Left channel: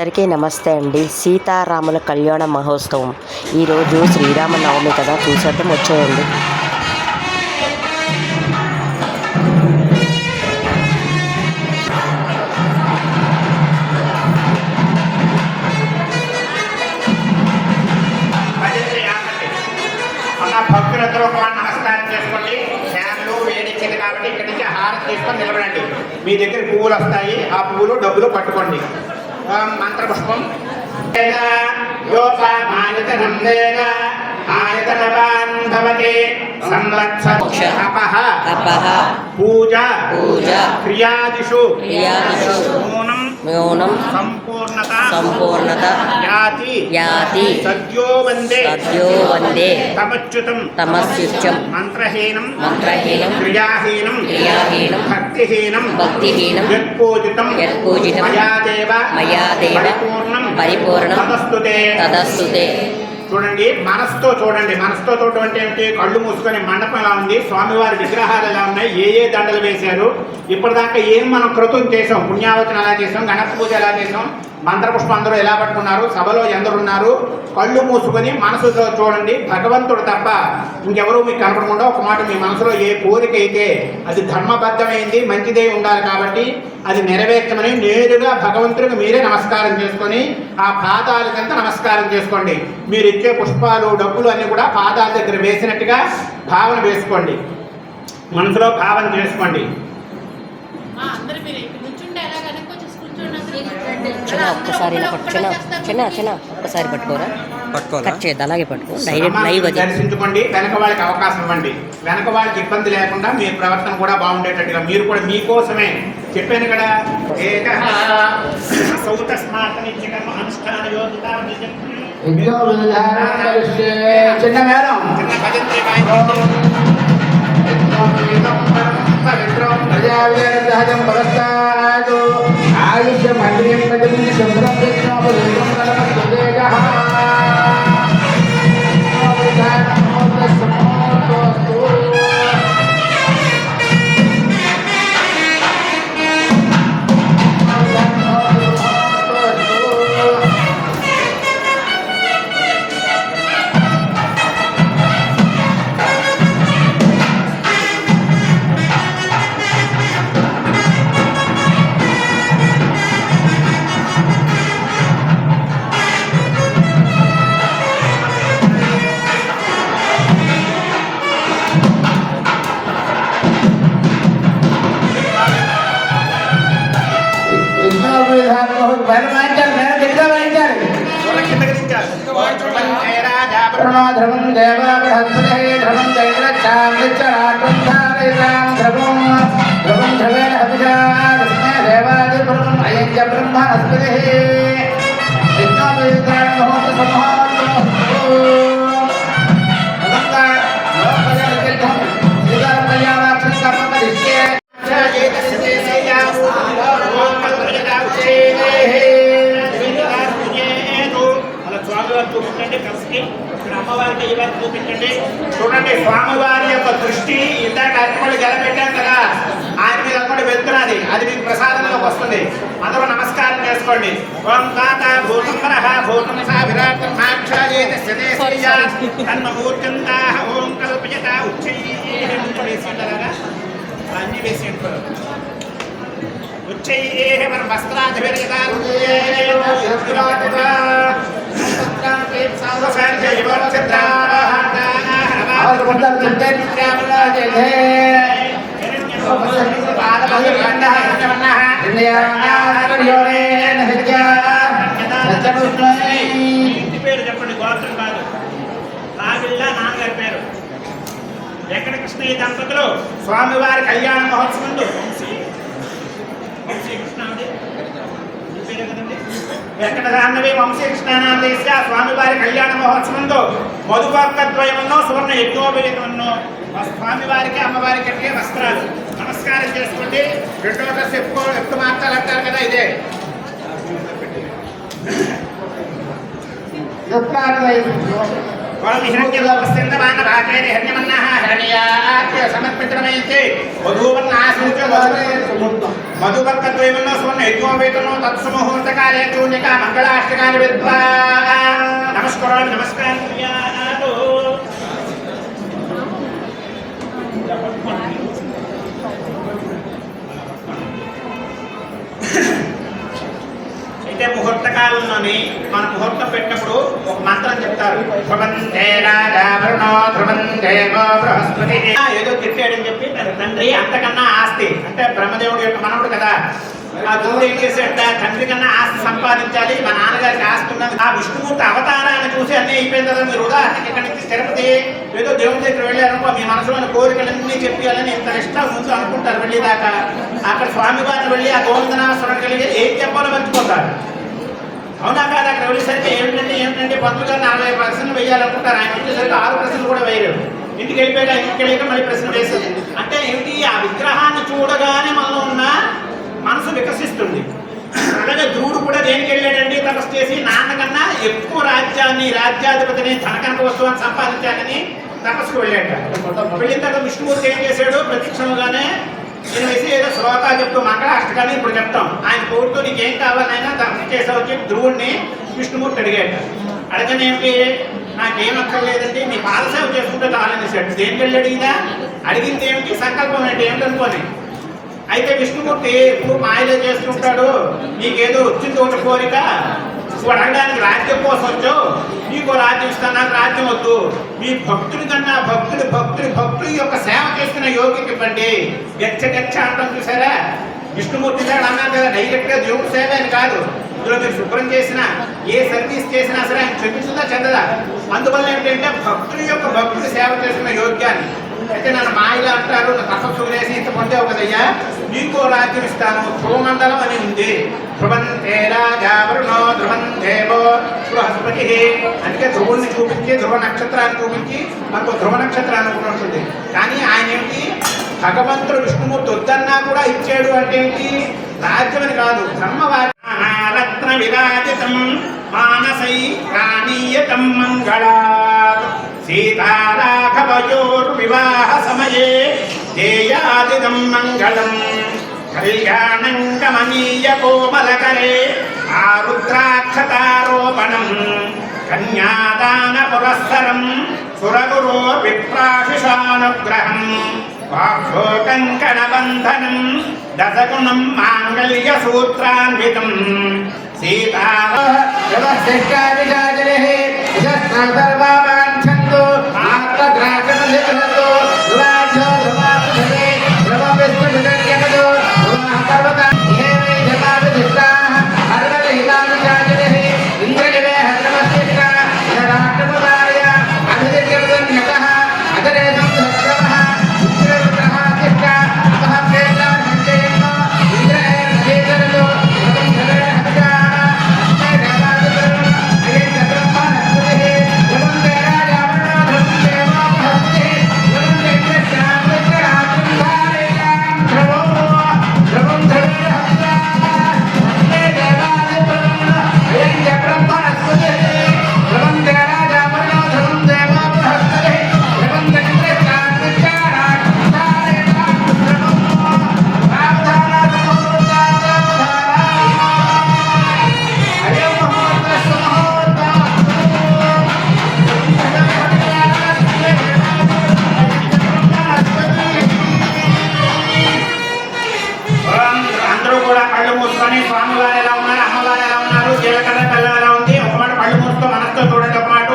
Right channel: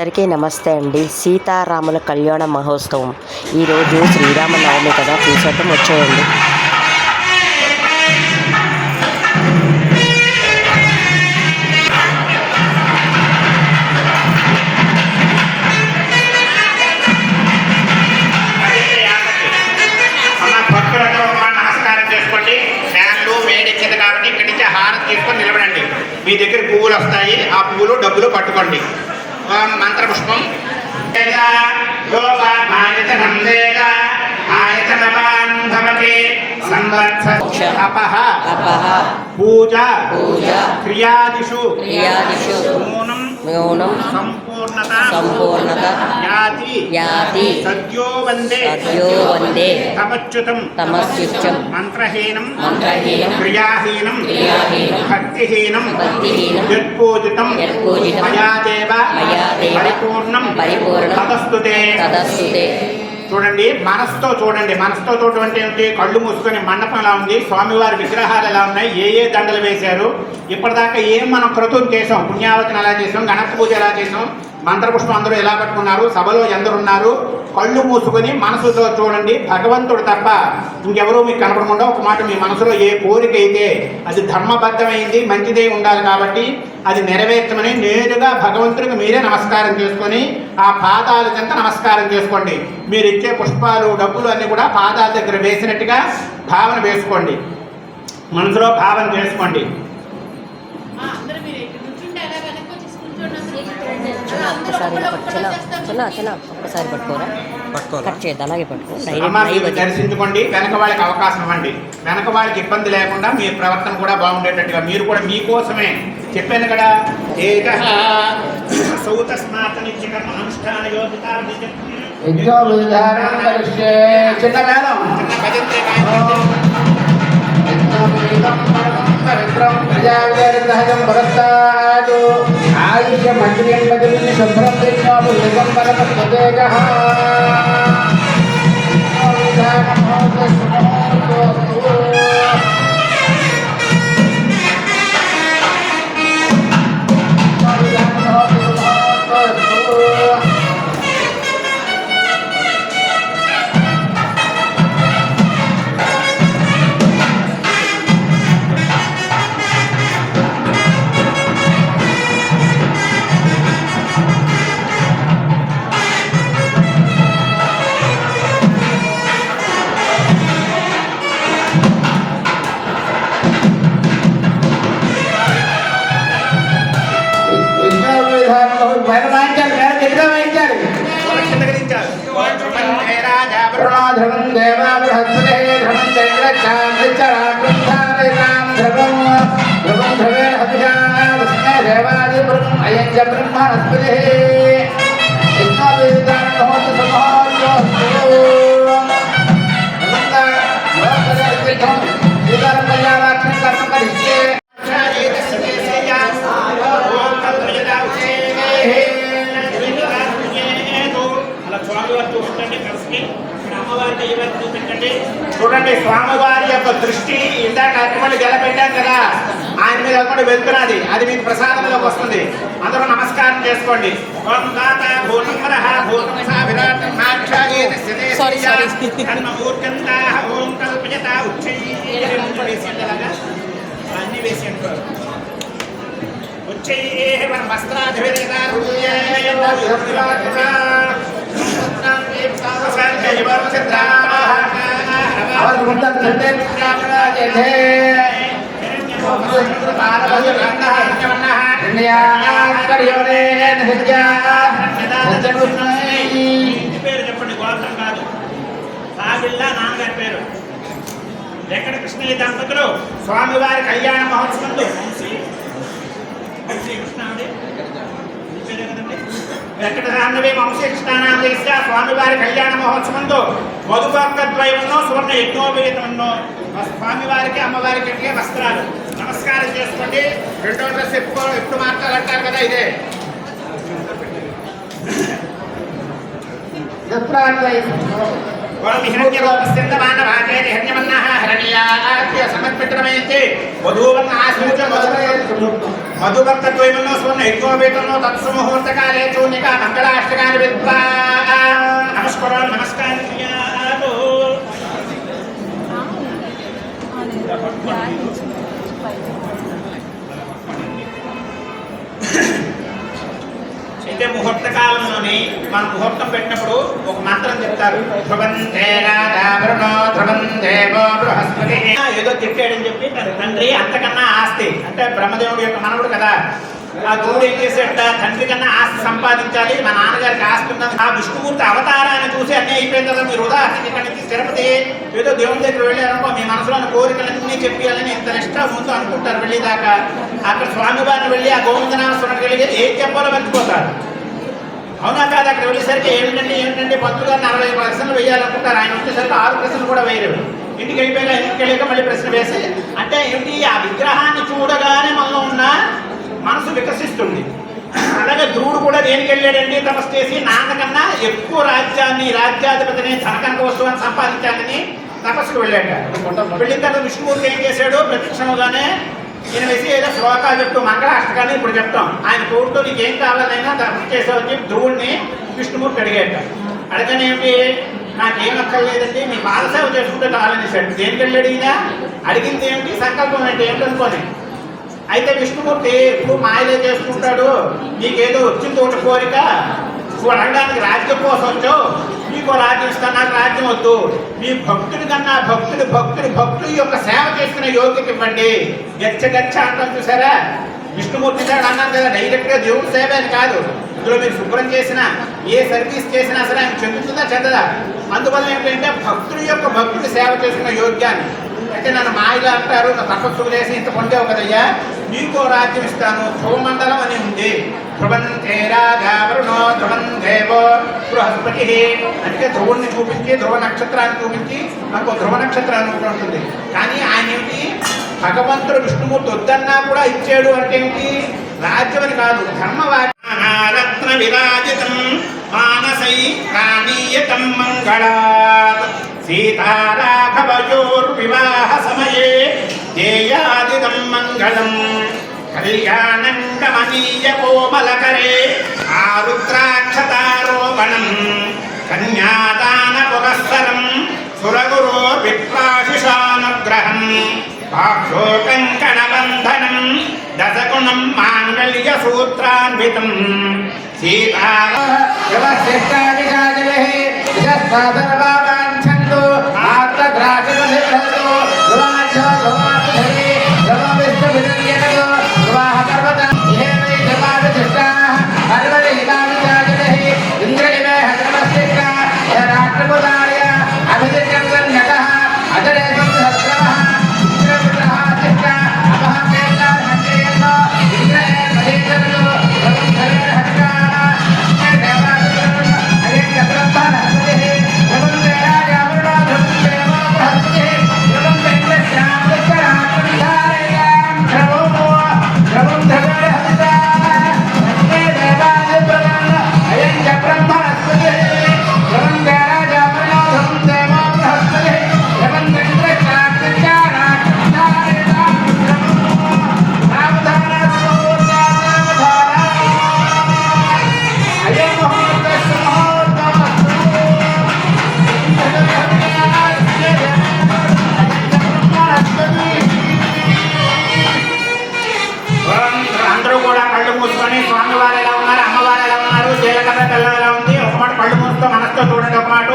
అందరికీ నమస్తే అండి. సీతారాముల కళ్యాణ మహోత్సవం ఈరోజు శ్రీరామనవమి కదా, చూసేద్దాం, వచ్చేయండి. కాబట్టి ఇక్కడి నుంచి హారం తీసుకొని నిలబడండి. మీ దగ్గర పువ్వులు వస్తాయి, ఆ పువ్వులు డబ్బులు పట్టుకోండి. మంత్రపుష్పం పూజ క్రియాదిషు న్యూనం సంపూర్ణత యాతి సద్యో వందే తమస్యుత్యం మంత్రహీనం క్రియాహీనం భక్తిహీనం యత్పూజితం మయాదేవ పరిపూర్ణం తదస్తుతే. చూడండి, మనసుతో చూడండి. మనసుతో చూడటం అంటే ఏమిటి? కళ్ళు మూసుకొని మండపం ఎలా ఉంది, స్వామివారి విగ్రహాలు ఎలా ఉన్నాయి, ఏ దండలు వేశారు, ఇప్పటిదాకా ఏం మనం క్రతువు చేసాం, పుణ్యావచన ఎలా చేసాం, గణపతి పూజ ఎలా చేసాం, మంత్రపుష్పం అందరూ ఎలా పట్టుకున్నారు, సభలో ఎందరున్నారు, కళ్ళు మూసుకొని మనసుతో చూడండి. భగవంతుడు తప్ప ఇంకెవరూ మీకు కనపడకుండా ఒక మాట, మీ మనసులో ఏ కోరిక అయితే అది ధర్మబద్ధమైంది, మంచిదే ఉండాలి కాబట్టి అది నెరవేర్చమని నేరుగా భగవంతుడికి మీరే నమస్కారం చేసుకొని ఆ పాదాలకంతా నమస్కారం చేసుకోండి. మీరు ఇచ్చే పుష్పాలు డబ్బులు అన్నీ కూడా పాదాల దగ్గర వేసినట్టుగా భావన వేసుకోండి, మనసులో భావన చేసుకోండి. ఒక్కసారి పట్టుకోరా, కట్ చేద్దాం, అలాగే పట్టుకో. దర్శించుకోండి, వెనక వాళ్ళకి అవకాశం ఇవ్వండి. వెనక వాళ్ళకి ఇబ్బంది లేకుండా మీ ప్రవర్తన కూడా బాగుండేటట్టుగా మీరు కూడా మీకోసమే చెప్పాను కదా. అనుష్ఠాన యోగిత చిన్న చూడండి, స్వామివారి యొక్క దృష్టి ఇందాక అర్పణలు గెలబెట్టారు కదా, ఆయన మీద కూడా వెళ్తున్నది, అది మీకు ప్రసాదంలో వస్తుంది. అందరూ నమస్కారం చేసుకోండి. ఓం తాత భూతంహరః భూతంసా విరాటన్మాక్షాయేతస్యదేశయ్యాన్మూర్ఖంతాః ఓం కల్పయత ఉచ్చైః ముందు వేసేలాగా అన్ని వేసేంటారు. ఉచ్చైః వరం వస్త్రాధిపర్యదారుణ్యే పేరు చెప్పండి, గోత్రం కాదు. రావిళ్ళ నాన్నగారి పేరు. వెంకట కృష్ణయ్య దంపతులు స్వామివారి కళ్యాణ మహోత్సవంలో వంశీకృష్ణ పేరు కదండి. వెంకట రాంగవే వంశీకృష్ణానాదేశ స్వామివారి కళ్యాణ మహోత్సవంలో మధుపాకద్వయమన్నో సువర్ణ యజ్ఞోపేతమన్నో స్వామివారికి అమ్మవారికి వస్త్రాలు. నమస్కారం చేసుకోండి. రెండో డ్రెస్ ఎప్పుడు మాట్లాడారు కదా, ఇదే సమర్పితమైంది. వధూవన్న ఆశ్రయించ మధువర్తద్వయములో స్వర్ణ యజ్ఞోపేతనో తత్సముహూర్తకాలే చూర్ణికా మంగళాష్టకాన్ని విద్వా నమస్కారం నమస్కారం క్రియాతో అయితే ముహూర్త కాలంలోని మన ముహూర్తం పెట్టినప్పుడు ఒక మంత్రం చెప్తారు, ధ్రువంతే రాజా వరుణో ధ్రువం దేవో బృహస్పతి. ఏదో తిట్టాడని చెప్పి తన తండ్రి అంతకన్నా ఆస్తి, అంటే బ్రహ్మదేవుడి యొక్క మనవుడు కదా, ఆ దేవుడు ఏం చేసేట తండ్రి కన్నా ఆస్తి సంపాదించాలి, మా నాన్నగారికి ఆస్తి ఉన్నది. ఆ విష్ణుమూర్తి అవతారాన్ని చూసి అన్నీ అయిపోయింది కదా, మీరు ఉదాహరణకి ఇక్కడి నుంచి తిరుపతి ఏదో దేవుడి దగ్గర వెళ్ళారనుకో, మీ మనసులోని కోరికలన్నీ చెప్పాలని ఇంత నిష్ట ముందు అనుకుంటారు. వెళ్ళేదాకా అక్కడ స్వామివారిని వెళ్ళి ఆ గోవిందనామస్వరం వెళ్ళి ఏం చెప్పాలో మర్చిపోతారు. అవునా కాదు? అక్కడ వెళ్ళేసరికి ఏమిటంటే పంతులు గారు 40 ప్రశ్నలు వేయాలనుకుంటారు, ఆయన వచ్చేసరికి 6 ప్రశ్నలు కూడా వేయరు. ఇంటికి వెళ్ళిపోయినా ఇంటికి వెళ్ళాక మళ్ళీ ప్రశ్న వేసి, అంటే ఏమిటి, ఆ విగ్రహాన్ని చూడగానే మనలో ఉన్న మనసు వికసిస్తుంది. అలాగే ధ్రువుడు కూడా దేనికి వెళ్ళాడండి, తపస్సు చేసి నాన్నకన్నా ఎక్కువ రాజ్యాధిపతిని తనకనక వస్తువుని సంపాదించాలని తపస్సుకు వెళ్ళాడు. వెళ్ళిన తర్వాత విష్ణుమూర్తి ఏం చేశాడు, ప్రతిక్షణంగానే నేను వేసి ఏదో శ్లోకాలు చెప్తూ మంగళాష్టకాన్ని ఇప్పుడు చెప్తాం, ఆయన కోరుతో నీకేం కావాలైనా తపస్సు చేసావని చెప్పి ధ్రువుడిని విష్ణుమూర్తి అడిగాడు. అడగని ఏమిటి, నాకేం అక్కర్లేదండి, మీ పాదసేవ చేసుకుంటే చాలనేసాడు. దేనికి వెళ్ళాడు ఈయన, అడిగింది ఏమిటి, సంకల్పం ఏంటి ఏమిటనుకోని. అయితే విష్ణుమూర్తి ఇప్పుడు మాయలే చేస్తుంటాడు, నీకేదో వచ్చింది ఒకటి కోరిక, నువ్వు అడగడానికి రాజ్యం కోసం వచ్చావు, నీకో రాజ్యం ఇస్తాను, నాకు రాజ్యం వద్దు, మీ భక్తుడి కన్నా భక్తుడి యొక్క సేవ చేసుకున్న యోగ్యత ఇవ్వండి. గచ్చ అంటాం చూసారా, విష్ణుమూర్తి అన్నాను కదా, డైరెక్ట్గా దేవుడి సేవ అని కాదు, ఇందులో మీరు శుభ్రం చేసినా ఏ సర్వీస్ చేసినా సరే ఆయన చెందుతుందా చెందదా. అందువల్ల ఏంటంటే భక్తుడి సేవ చేసుకున్న యోగ్యాన్ని. అయితే నన్ను మాయలు అంటారు, నా తపస్సు చేసి ఇంత పొందేవు కదయ్యా, నీకో రాజ్యం ఇస్తాను, ధ్రువమండలం అని ఉంది. ధ్రువంతే రాజా వరుణో ధ్రువం దేవో బృహస్పతి. అందుకే ధ్రువుణ్ణి చూపించి ధ్రువ నక్షత్రాన్ని చూపించి మనకు ధ్రువ నక్షత్రాన్ని ఒకటి ఉంటుంది. కానీ ఆయన ఏమిటి, భగవంతుడు విష్ణుమూర్తి వద్దన్నా కూడా ఇచ్చాడు అంటే ఏమిటి, రాజ్యం అని కాదు, ధర్మవారత్న విరాజితం మానసై ప్రాణీయతం మంగళాత్ సీతారాఘవయోర్వివాహ సమయే దేయాదిదం మంగళం కళ్యాణం గమనీయ కోమలకరే ఆరుద్రాక్షతారోపణం కన్యాదాన పురస్సరం సురగురో విప్రాశిషానుగ్రహం వాక్షోకం కణబంధనం దశగుణం మాంగళ్య సూత్రాన్వితం సీతా స్వామివారు ఎలా ఉన్నారు, అమ్మవారు ఎలా ఉన్నారు, జీలకర్ర బెల్లం ఎలా ఉంది, ఒక మాట కళ్ళు మూసుతో మనసుతో చూడండి. ఒక మాట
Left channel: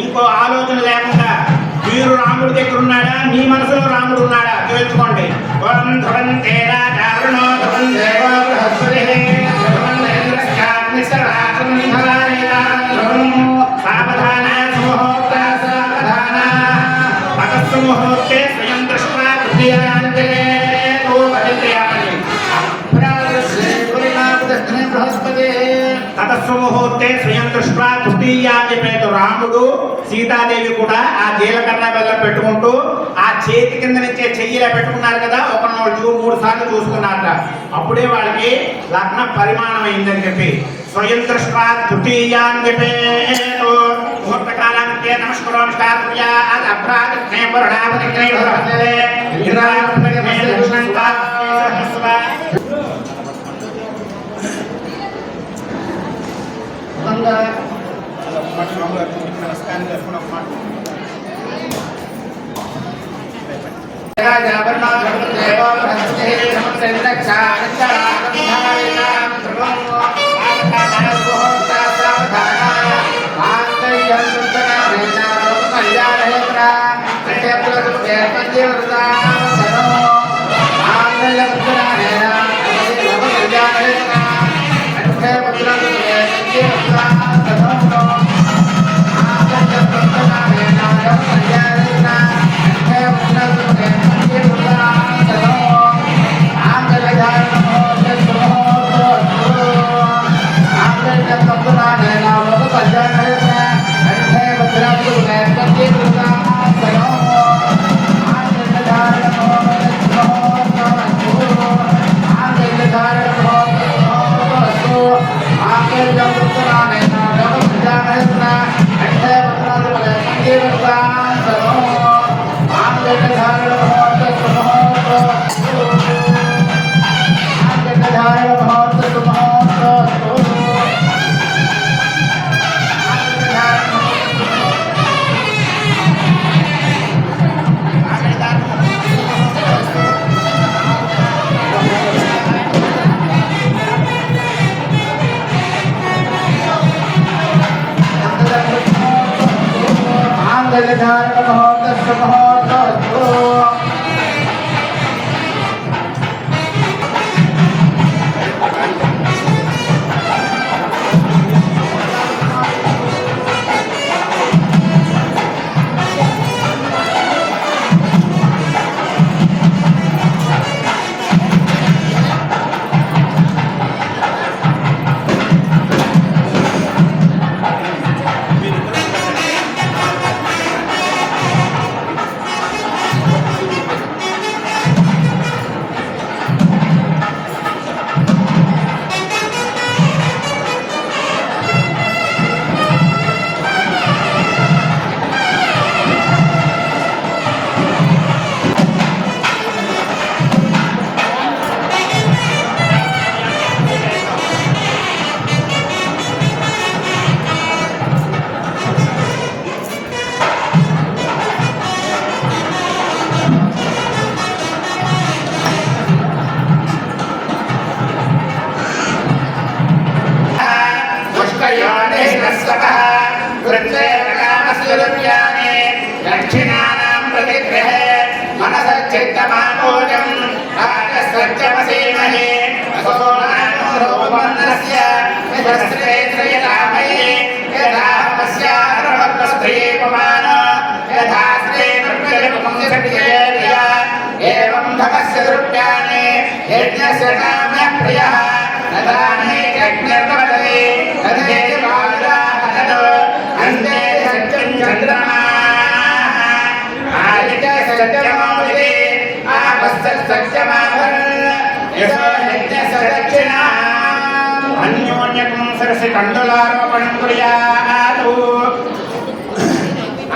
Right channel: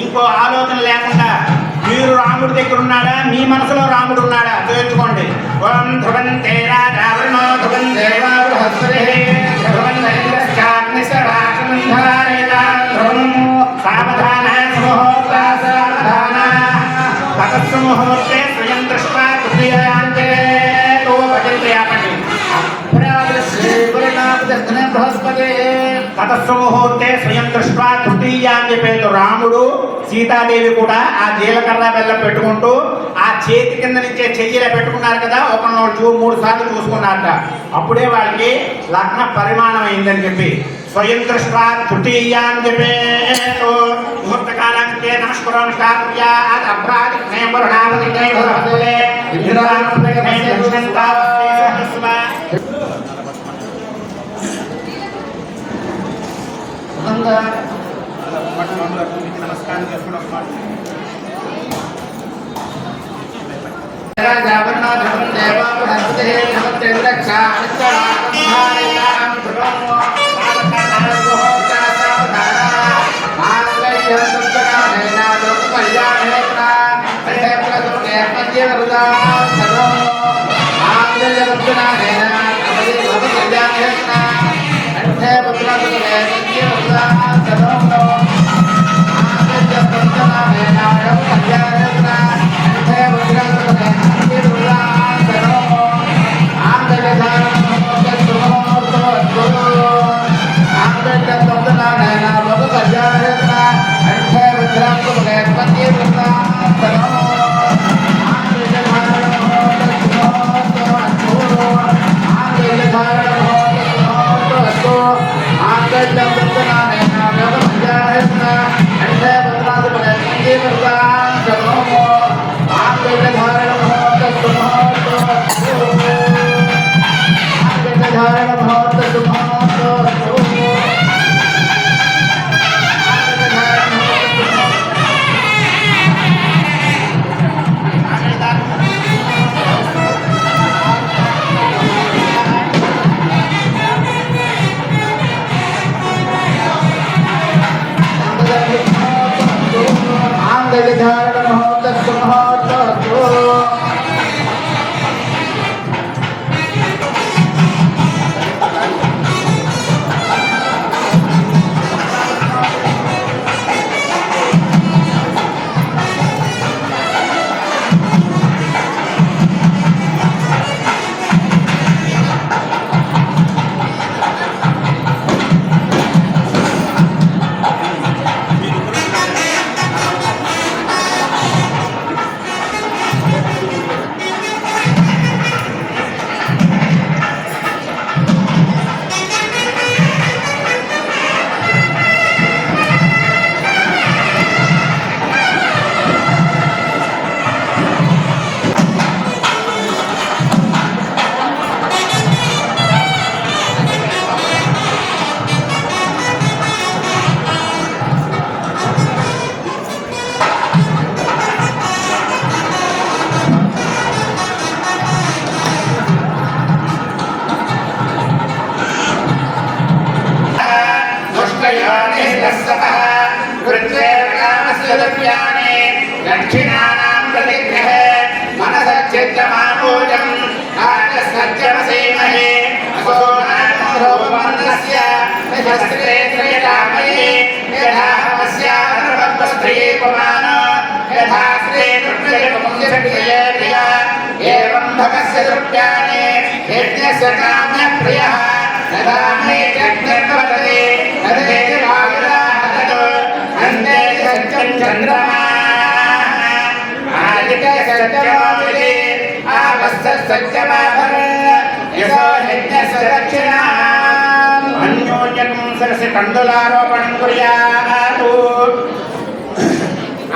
ఇంకో ఆలోచన లేకుండా మీరు రాముడి దగ్గర ఉన్నాడా, మీ మనసులో రాముడు ఉన్నాడా తెలుసుకోండి. ఓం ధ్రువంతే రాజా వరుణో ధ్రువం దేవో బృహస్పతి ధ్రువం ఇంద్రశ్చాగ్ని సరాసంధరాయత ధ్రువం సావధాన ముహూర్త సావధాన తపస్సు ముహూర్తే స్వయం దృష్ట్వా తృతీయాంతరే భజంతే ఆపండి. తపస్సు ముహూర్తే స్వయం దృష్ట్వా తృతీయాన్ని పేరు రాముడు సీతాదేవి కూడా ఆ జీలకర్ర బెల్లం పెట్టుకుంటూ ఆ చేతి కింద నుంచే చెయ్యిలా పెట్టుకున్నారు కదా, ఒక 3 సార్లు చూసుకున్నారట. అప్పుడే వాళ్ళకి లగ్న పరిమాణం అయిందని చెప్పి స్వయం దృష్ట్వా తృతీయాన్ని పేరు ముహూర్త కాలానికి నమస్కారం నమస్కారం చేసుకుని ఒక మాట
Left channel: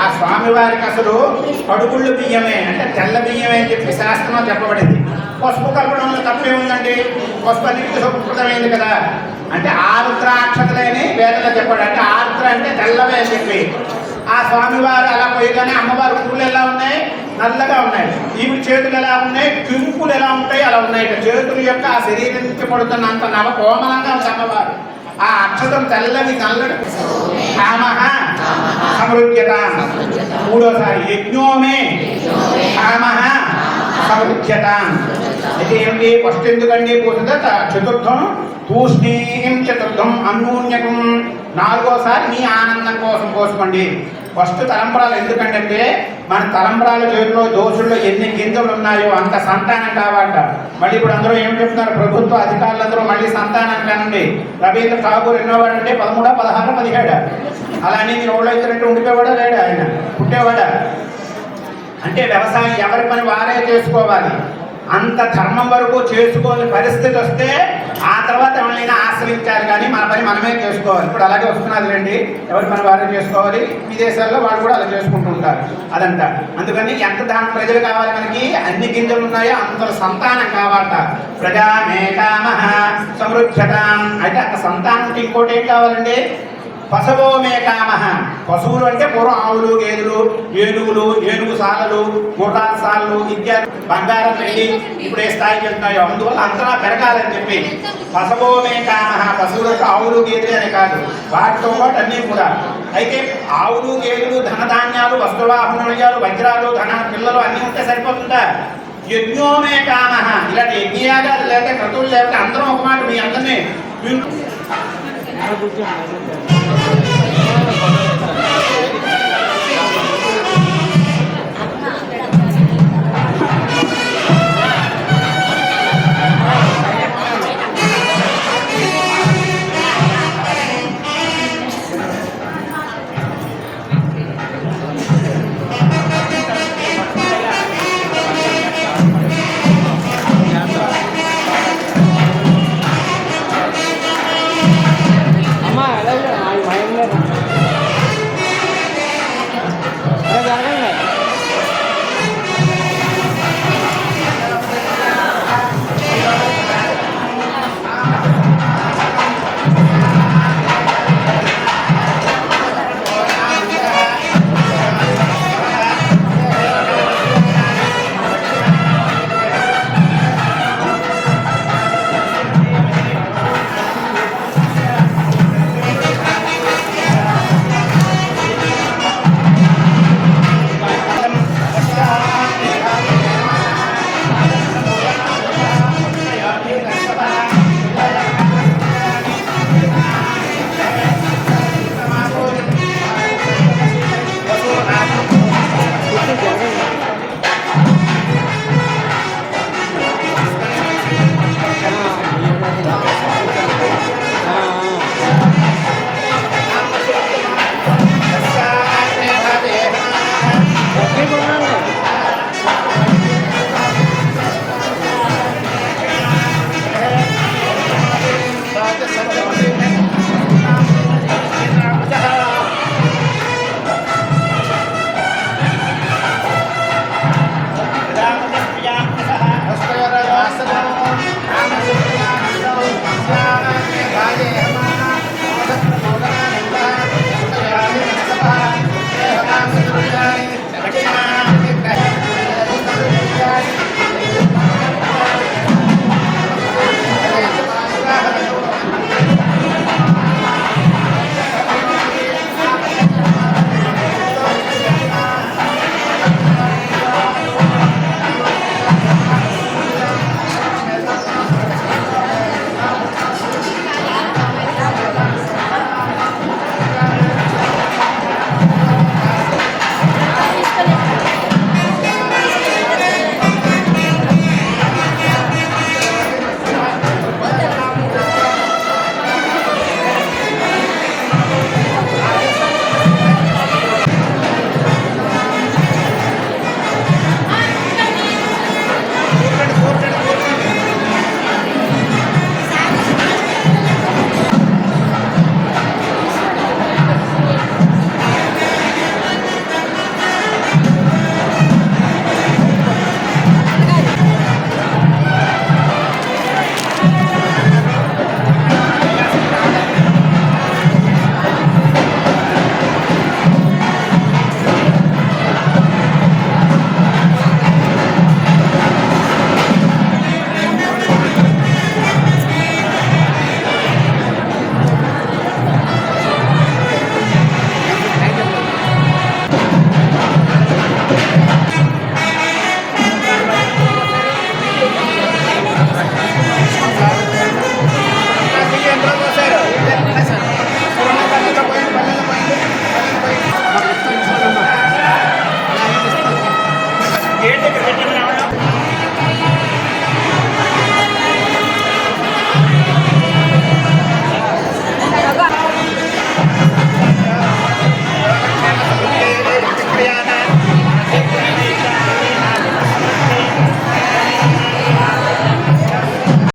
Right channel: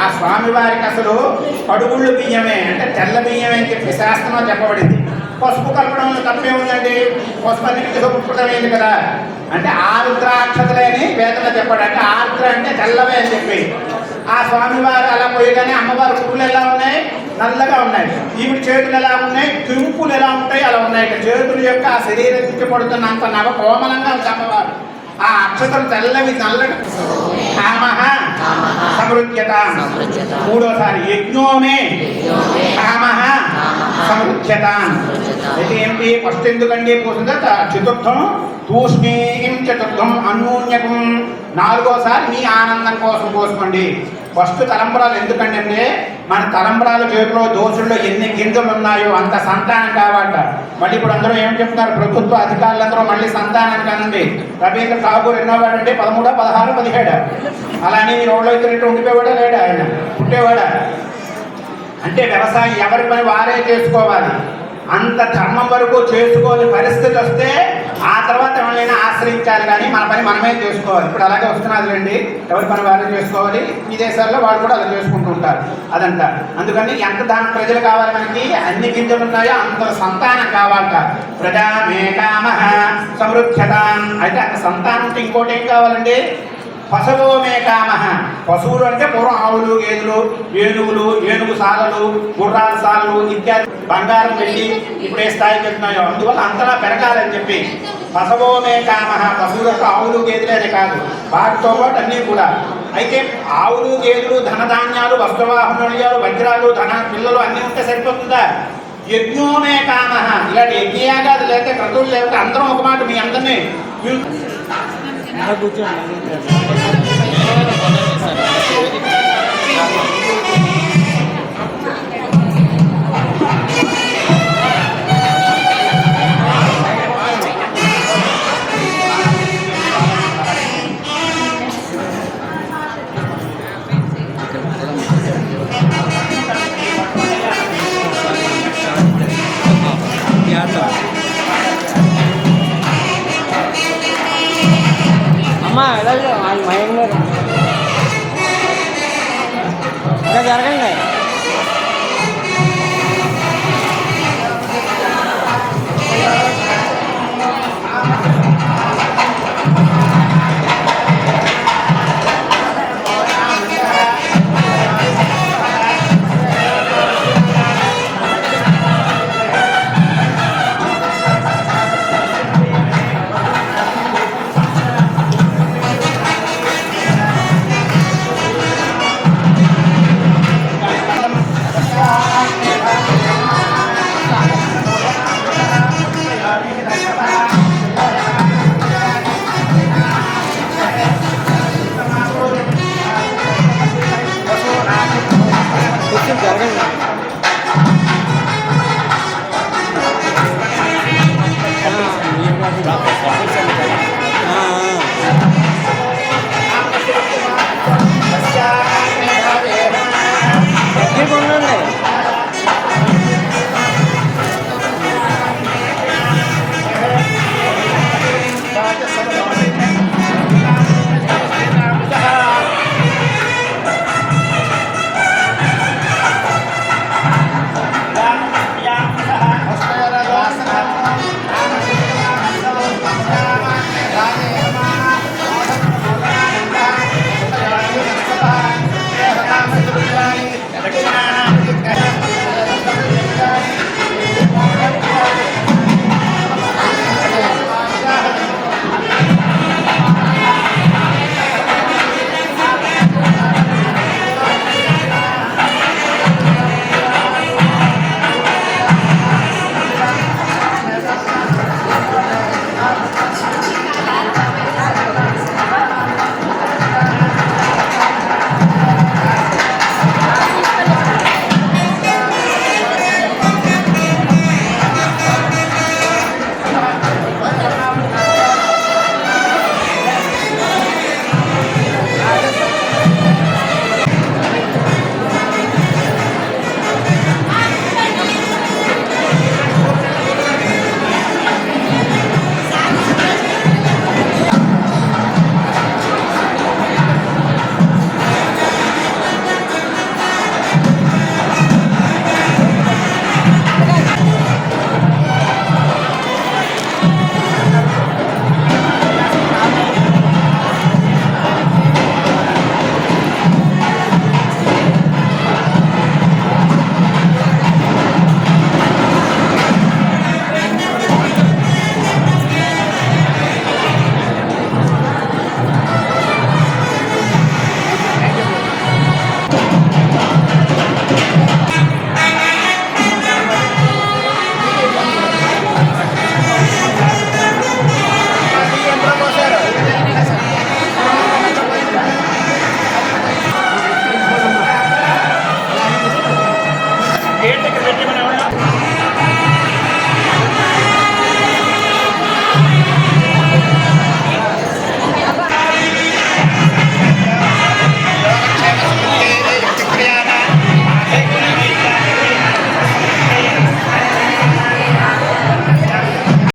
ఆ స్వామివారికి అసలు కడుగుళ్ళు బియ్యమే అంటే తెల్ల బియ్యమే అని చెప్పి శాస్త్రం చెప్పబడింది. పసుపు కలపడంలో తప్పే ఉందండి, పసుపు అన్నిటికీ సుకృతమైంది కదా. అంటే ఆరుద్ర అక్షతలని వేదన చెప్పాడు. అంటే ఆరుద్ర అంటే తెల్లవే అని చెప్పి ఆ స్వామివారు అలా పోయేదని అమ్మవారి పూలు ఎలా ఉన్నాయి, నల్లగా ఉన్నాయి. ఈవిడ చేతులు ఎలా ఉన్నాయి, కింపులు ఎలా ఉంటాయి అలా ఉన్నాయి. చేతుల యొక్క ఆ శరీరం నుంచి పడుతున్నంత నవ కోమలంగా అమ్మవారు. ఆ అక్షతలు తెల్లవి నల్లగా సమృద్ధ్యత. మూడోసారి యజ్ఞోమే సమృద్ధ్యత. అయితే ఏంటి ఫస్ట్ ఎందుకండి పూజ చతుర్థం తూష్ణీం చతుర్థం అన్యోన్యకం. నాలుగోసారి మీ ఆనందం కోసం పోసుకోండి. ఫస్ట్ తలంబరాలు ఎందుకంటే మన తలంబరాల చేతిలో దోషుల్లో ఎన్ని గింజలు ఉన్నాయో అంత సంతానం కావాలట. మళ్ళీ ఇప్పుడు అందరూ ఏం చెప్తున్నారు, ప్రభుత్వ అధికారులందరూ మళ్ళీ సంతానం కానండి. రవీంద్ర ఠాగూర్ ఎన్నోవాడు అంటే 13, 16, 17. అలానే మీరు ఎవరో ఇచ్చినట్టు ఉండిపోవాడా లేడా, ఆయన పుట్టేవాడా? అంటే వ్యవసాయం ఎవరి పని వారే చేసుకోవాలి. అంత ధర్మం వరకు చేసుకోని పరిస్థితి వస్తే ఆ తర్వాత ఎవరైనా ఆశ్రయించాలి, కానీ మన పని మనమే చేసుకోవాలి. ఇప్పుడు అలాగే వస్తున్నారు రండి, ఎవరి పని వారే చేసుకోవాలి. విదేశాల్లో వాళ్ళు కూడా అలా చేసుకుంటూ ఉంటారు అదంతా. అందుకని ఎంత దాని ప్రజలు కావాలి మనకి, అన్ని గింజలు ఉన్నాయో అంత సంతానం కావాలట. ప్రజామే కామ సమృద్ధ్యత. అయితే అంత సంతానం ఇంకోటి ఏం కావాలండి, పశవో మే కామః. పశువులు అంటే పూర్వం ఆవులు, గేదెలు, ఏనుగులు, ఏనుగు సాలలు, గుర్రాల సాలలు ఇత్యాది బంగారం పెట్టి ఇప్పుడు ఏ స్థాయికి వెళ్తున్నాయో అందువల్ల అంతలా పెరగాలని చెప్పి పశవో మే కామః. పశువులు అంటే ఆవులు, గేదెలు అనే కాదు, వాటితో పాటు అన్నీ కూడా. అయితే ఆవులు, గేదెలు, ధనధాన్యాలు, వస్త్రవాహనీయాలు, వజ్రాలు, ధన పిల్లలు అన్నీ ఉంటే సరిపోతుందా? యజ్ఞోమే కామః. ఇలాంటి యజ్ఞయాగాలు లేకపోతే క్రతువులు లేకపోతే అందరం ఒక మాట మీ అందరినీ కూర్చోండి.